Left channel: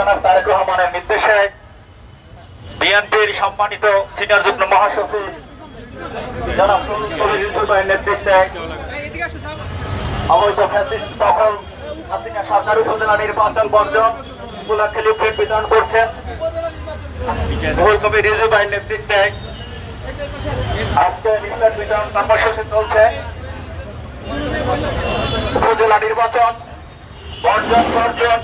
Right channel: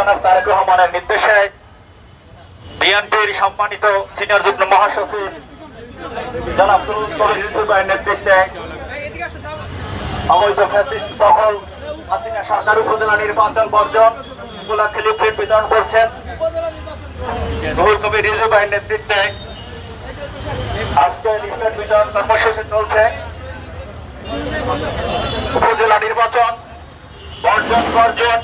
জনাব তারেক রহমানের নির্দেশে বিএনপির সম্মানিত সিনিয়র যুগ্ম মহাসচিব জনাব সুনীল নেতৃত্বে অবৈধ ফ্যাসিস্ট দখল হাসিনা সরকার উপজেলা নির্বাচন বর্জন উপলক্ষে লিফলেট বিতরণ করছেন রুহুল কবির রিজভী ভাইয়ের নেতৃত্বে। আজকে লিফলেট বিতরণ কর্মসূচি চলছে। উপজেলা নির্বাচন বর্জন বর্জন,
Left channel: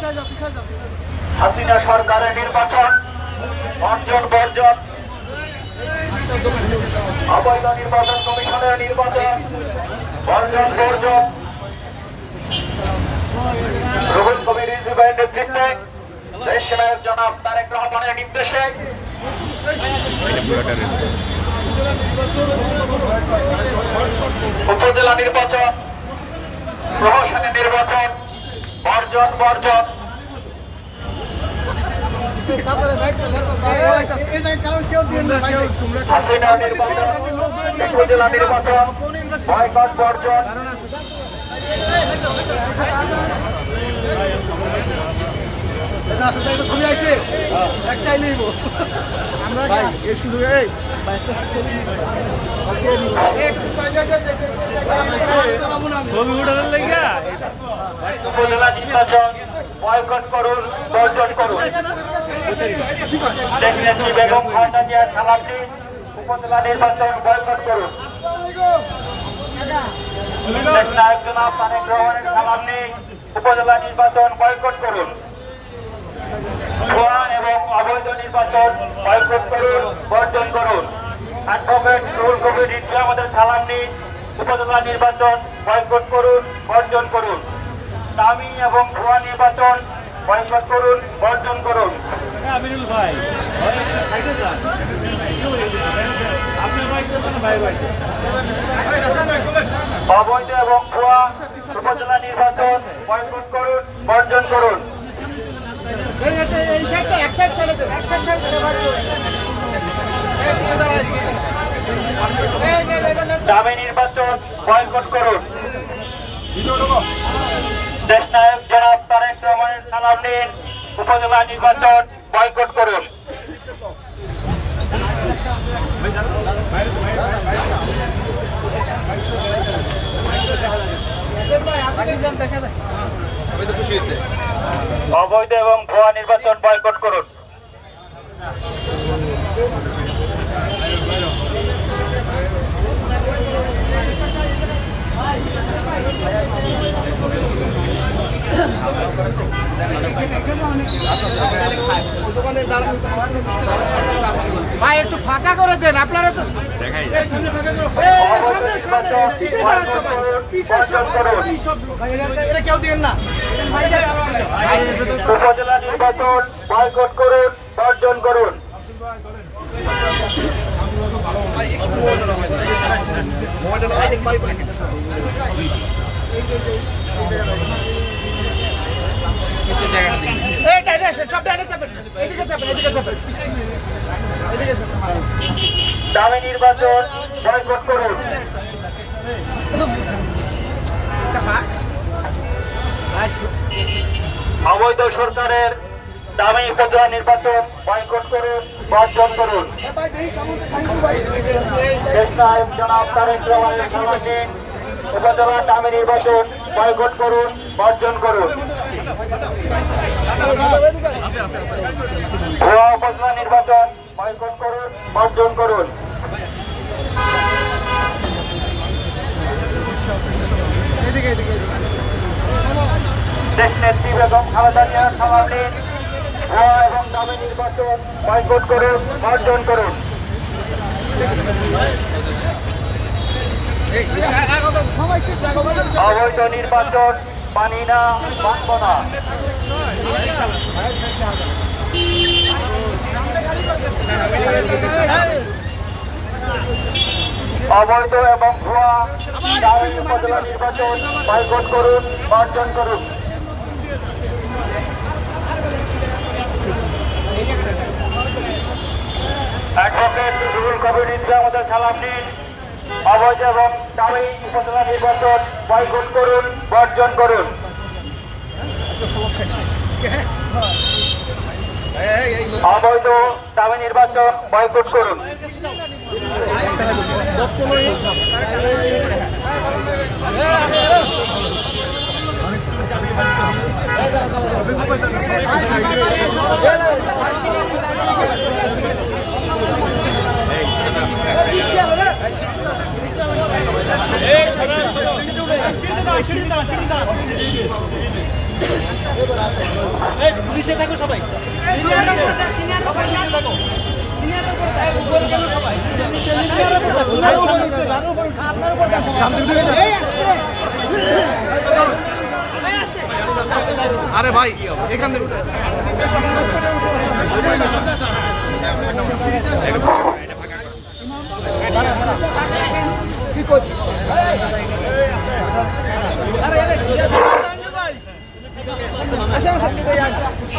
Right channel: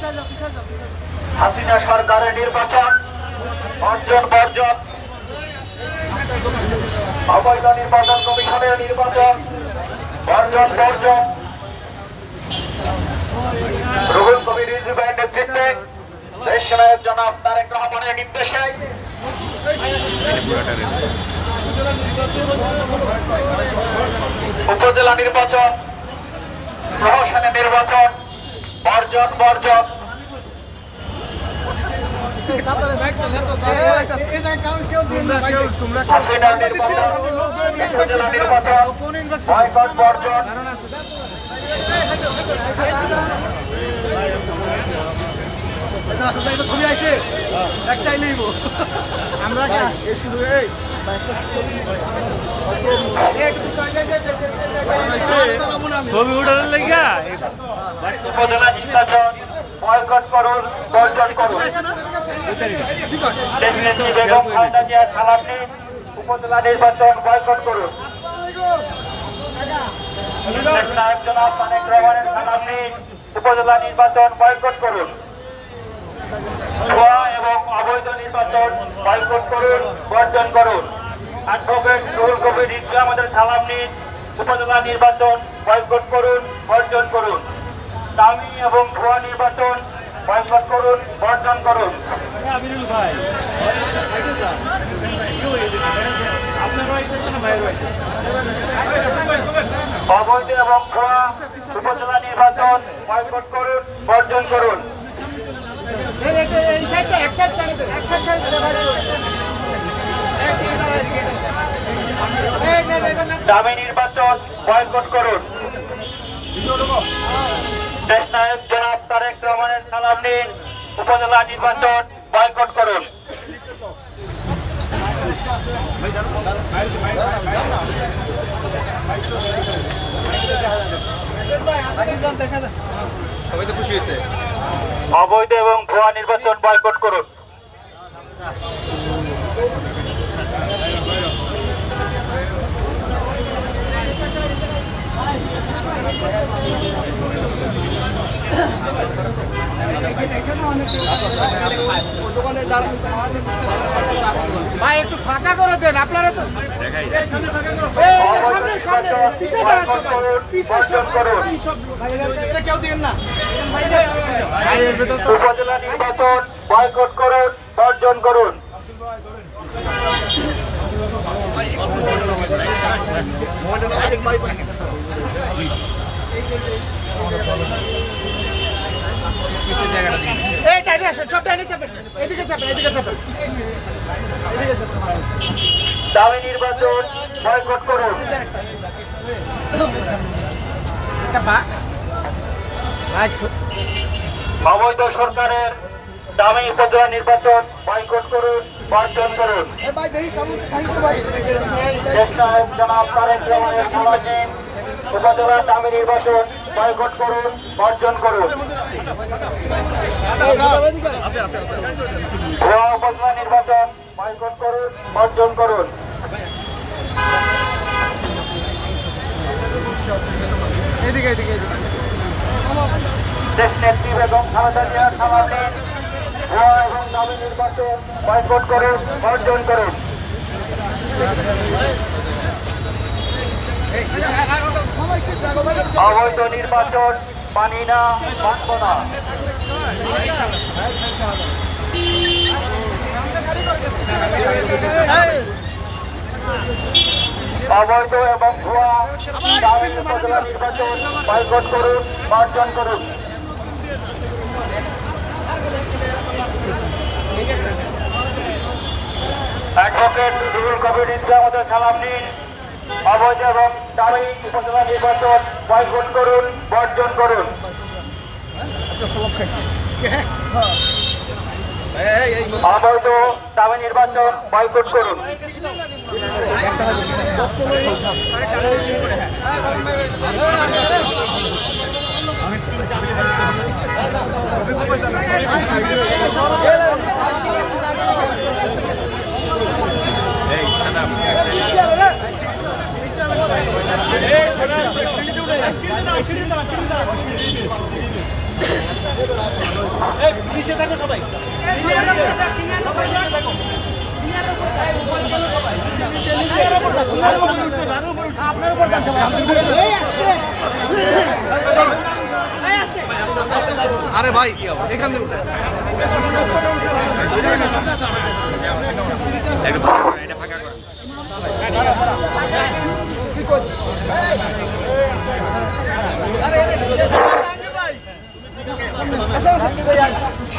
হাসিনা সরকারের নির্বাচন বর্জন বর্জন, অবৈধ নির্বাচন কমিশনের নির্বাচন বর্জন বর্জন। রুহুল কবির রিজভী ভাইয়ের নেতৃত্বে দেশ নায়ক জনাব তারেক রহমানের নির্দেশে উপজেলা নির্বাচন প্রহসনের নির্বাচন বর্জন বর্জন। হাসিনা নির্বাচন উপজেলা নির্বাচন বয়কট বর্জন। ছবি আছে একটাই লিখব উপজেলা নির্বাচন বয়কট করুন বর্জন করুন। বেগম খালেদা জিয়ার সালামে উপজেলা নির্বাচন বয়কট করুন। নায়ক জনাব তারেক রহমানের সালামে উপজেলা নির্বাচন বয়কট করুন। ভুয়া এবং অবৈধ নির্বাচন বয়কট করুন বর্জন করুন। অ্যাডভোকেট রুহুল কবির রিজভী আমাদের সালাম নিন উপজেলা নির্বাচন বয়কট করুন বর্জন করুন। দামি এবং ভুয়া নির্বাচন বয়কট করুন বর্জন করুন। অবৈধ এবং ভুয়া উপজেলা নির্বাচন বয়কট করুন বর্জন করুন। দামি নির্বাচন বয়কট করুন। দেশ নায়ক জনাব তারেক রহমানের সালাম নিন উপজেলা নির্বাচন বয়কট করুন। অবৈধ এবং ভুয়া নির্বাচন বয়কট করুন। ভাই একটু ফাঁকা করে দেন আপনারা তো কেউ দিন না। উপজেলা নির্বাচন বয়কট করুন বর্জন করুন। দামি নির্বাচন বয়কট করুন। অবৈধ সরকারের দামি উপজেলা নির্বাচন বয়কট করুন বর্জন করুন। দেশ নায়ক জনাব তারেক রহমানের সালাম নিন উপজেলার দামি নির্বাচন বয়কট করুন বর্জন করুন। ভুয়া উপজেলা নির্বাচন বয়কট করুন বর্জন করুন। দেশ নেত্রী বেগম খালেদা জিয়ার সালাম নিন ভুয়া এবং দামি নির্বাচন বয়কট করুন বর্জন করুন। অবৈধ নির্বাচন মানি না মানব না। অবৈধ এবং ভুয়া দামি উপজেলা নির্বাচন বয়কট করুন বর্জন করুন। অ্যাডভোকেট রুহুল কবির রিজভী আমাদের সালাম নিন অবৈধ এবং দামি উপজেলা নির্বাচন বয়কট করুন বর্জন করুন। অবৈধ দামি নির্বাচন বয়কট করুন। আরে ভাই এখান থেকে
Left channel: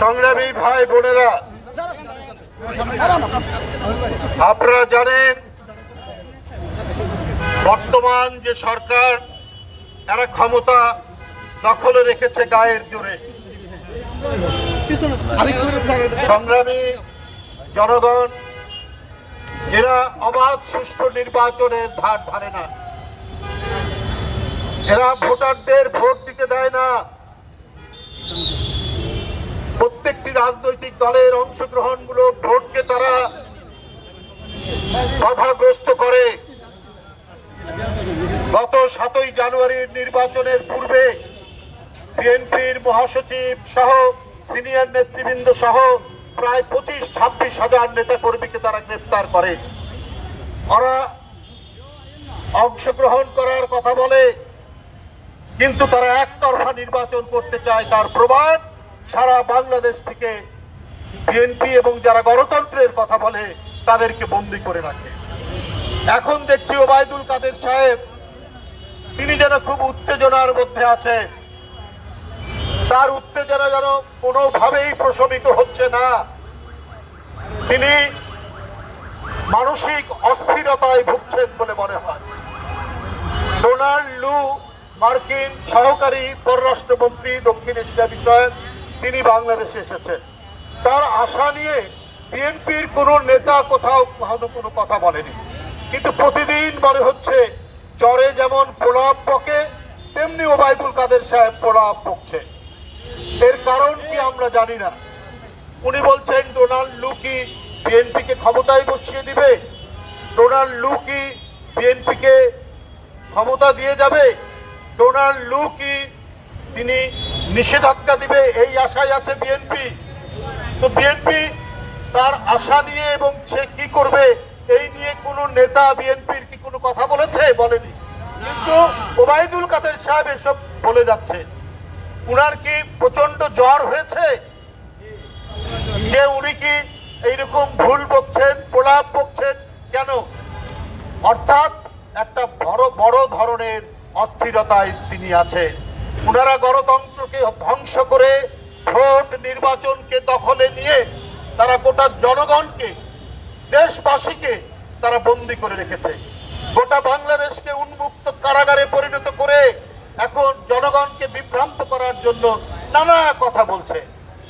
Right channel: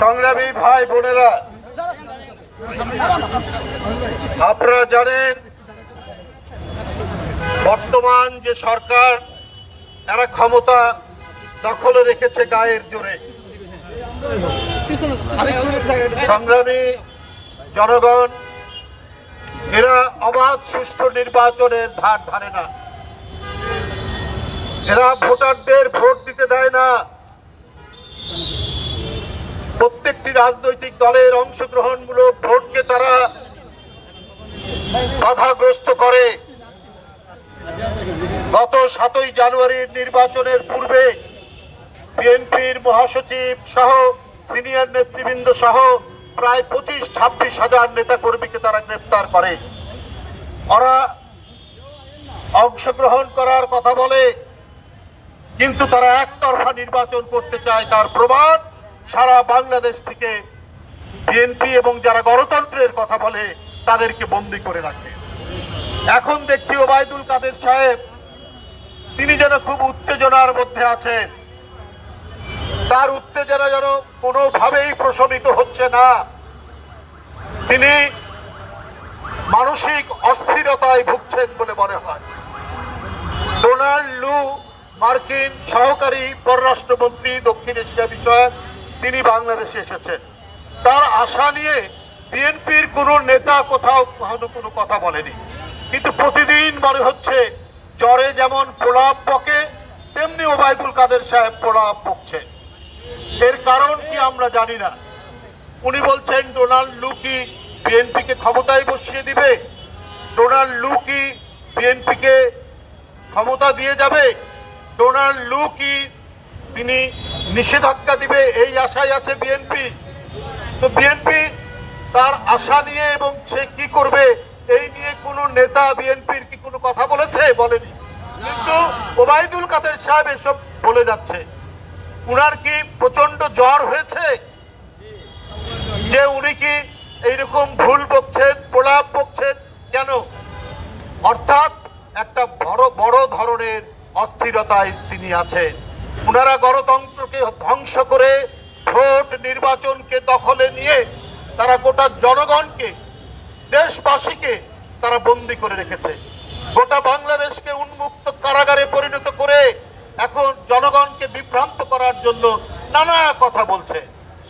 সংগ্রামী ভাই বোনেরা, আপনারা জানেন বর্তমান যে সরকার এরা ক্ষমতা দখলে রেখেছে গায়ের জোরে। সংগ্রামী জনগণ, এরা অবাধ সুষ্ঠু নির্বাচনের ধার ধারে না, এরা ভোটারদের ভোট দিতে দেয় না। প্রত্যেকটি রাজনৈতিক দলের অংশগ্রহণমূলক ভোটকে তারা বাধাগ্রস্ত করে। গত 7ই জানুয়ারির নির্বাচনের পূর্বে বিএনপির মহাসচিব সহ সিনিয়র নেতৃবৃন্দ সহ প্রায় 25-26 হাজার নেতাকর্মীকে তারা গ্রেফতার করে। ওরা অংশগ্রহণ করার কথা বলে, কিন্তু তারা একতরফা নির্বাচন করতে চায়। তার প্রমাণ সারা বাংলাদেশ থেকে বিএনপি এবং যারা গণতন্ত্রের কথা বলে তাদেরকে বন্দী করে রাখে। এখন দেখছি ওবায়দুল কাদের সাহেব, তিনি যেন খুব উত্তেজনার মধ্যে আছে। তার উত্তেজনা যেন কোনোভাবেই প্রশমিত হচ্ছে না। তিনি মানসিক অস্থিরতায় ভুগছেন বলে মনে হয়। ডোনাল্ড লু, মার্কিন সহকারী পররাষ্ট্রমন্ত্রী দক্ষিণ এশিয়া বিষয়ক, তিনি বাংলাদেশে এসেছেন। তার আশা নিয়ে বিএনপির কোন নেতা কোথাও কোনো কথা বলেনি, কিন্তু প্রতিদিন মনে হচ্ছে জ্বরে যেমন প্রলাপ বকে তেমনি ওবায়দুল কাদের সাহেব প্রলাপ বকছে। এর কারণ কি আমরা জানি না। উনি বলছেন ডোনাল্ড লু কি বিএনপিকে ক্ষমতায় বসিয়ে দিবে, ডোনাল্ড লু কি বিএনপিকে ক্ষমতা দিয়ে যাবে, ডোনাল্ড লু কি তিনি নিষেধাজ্ঞা দিবে, এই আশায় আছে বিএনপি। তো বিএনপি তার আশা নিয়ে এবং সে কি করবে এই নিয়ে কোন নেতা বিএনপির কি কোনো কথা বলেছে? বলেনি। কিন্তু ওবায়দুল কাদের সাহেব এসব বলে যাচ্ছে। উনার কি প্রচন্ড জ্বর হয়েছে যে উনি কি এইরকম ভুল বকছেন, প্রলাপ বকছেন কেন? অর্থাৎ একটা বড় ধরনের অস্থিরতায় তিনি আছেন। উনারা গণতন্ত্রকে ধ্বংস করে ভোট নির্বাচনকে দখলে নিয়ে তারা গোটা জনগণকে, দেশবাসীকে তারা বন্দী করে রেখেছে। গোটা বাংলাদেশকে উন্মুক্ত কারাগারে পরিণত করে এখন জনগণকে বিভ্রান্ত করার জন্য নানা কথা বলছে।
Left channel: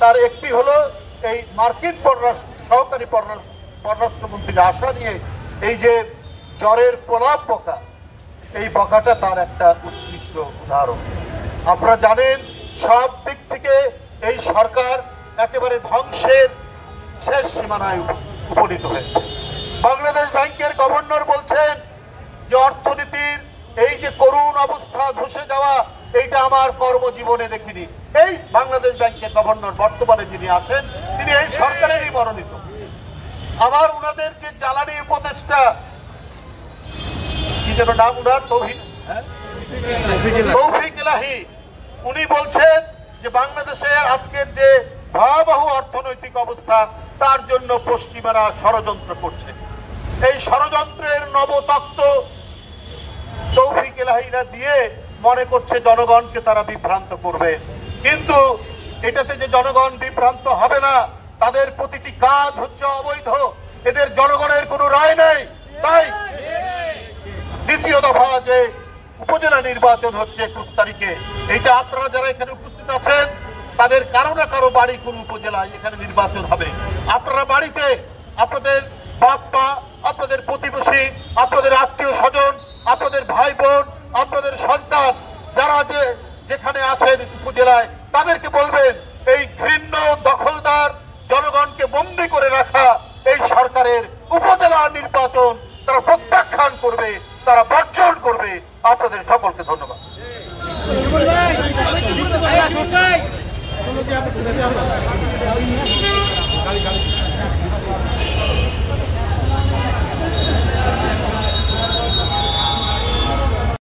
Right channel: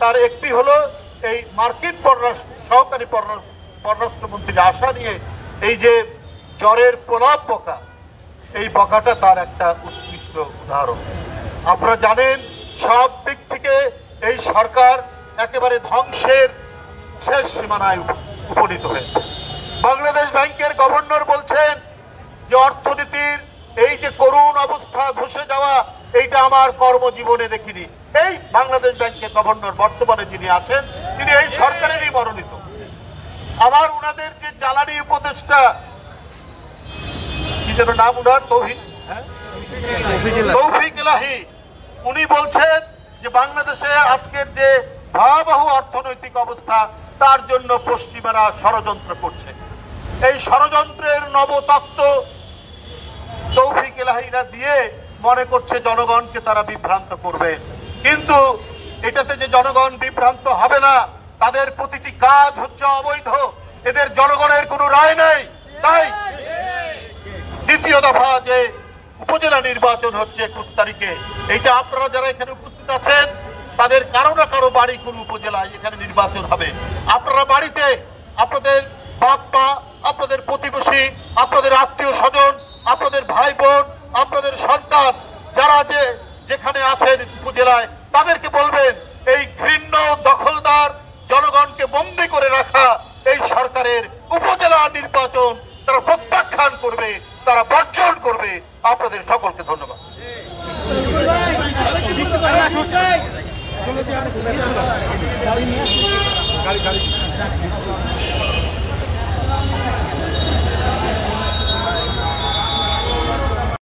তার একটি হলো এই মার্কিন সহকারী পররাষ্ট্রমন্ত্রীর আশা নিয়ে এই যে জ্বরের প্রলাপ বকা, এই বকাটা তার একটা উৎকৃষ্ট উদাহরণ। আপনারা জানেন সব দিক থেকে এই সরকার একেবারে ধ্বংসের শেষ সীমানায় উপনীত হয়েছে। বাংলাদেশ ব্যাংকের গভর্নর বলছেন যে অর্থনীতির এই যে করুণ অবস্থা, ধসে যাওয়া, এইটা আমার কর্মজীবনে দেখিনি। এই বাংলাদেশ ব্যাংকের গভর্নর বর্তমানে যিনি আছেন তিনি এই সরকারেরই মনোনীত। আবার উনাদের যে জ্বালানি উপদেষ্টা, কি যেন নাম উনার, তৌফিক ইলাহি, উনি বলছেন যে বাংলাদেশে আজকের যে ভয়াবহ অর্থনৈতিক অবস্থা তার জন্য পশ্চিমারা ষড়যন্ত্র করছে। এই ষড়যন্ত্রের নবতত্ত্ব তৌফিক ইলাহিরা দিয়ে মনে করছে জনগণকে তারা বিভ্রান্ত করবে। কিন্তু এটাতে যে জনগণ বিভ্রান্ত হবে না, তাদের প্রতিটি কাজ হচ্ছে অবৈধ, এদের জনগণের কোনো রায় নেই। তাই দ্বিতীয় দফা যে উপজেলা নির্বাচন হচ্ছে 21 তারিখে, এইটা আপনারা যারা এখানে উপস্থিত আছেন তাদের কারো না কারো বাড়ি কোন উপজেলায় এখানে নির্বাচন হবে। আপনারা বাড়িতে আপনাদের বাপ মা, আপনাদের প্রতিবেশী, আপনাদের আত্মীয় স্বজন, আপনাদের ভাই বোন, আপনাদের সন্তান যারা যেখানে আছেন উপজেলায়, তাদেরকে বলবেন এই ঘৃণ্য দখলদার জনগণকে বন্দী করে রাখা এই সরকারের উপজেলা নির্বাচন তারা প্রত্যাখ্যান করবে, তারা বর্জন করবে। আপনাদের সকলকে ধন্যবাদ।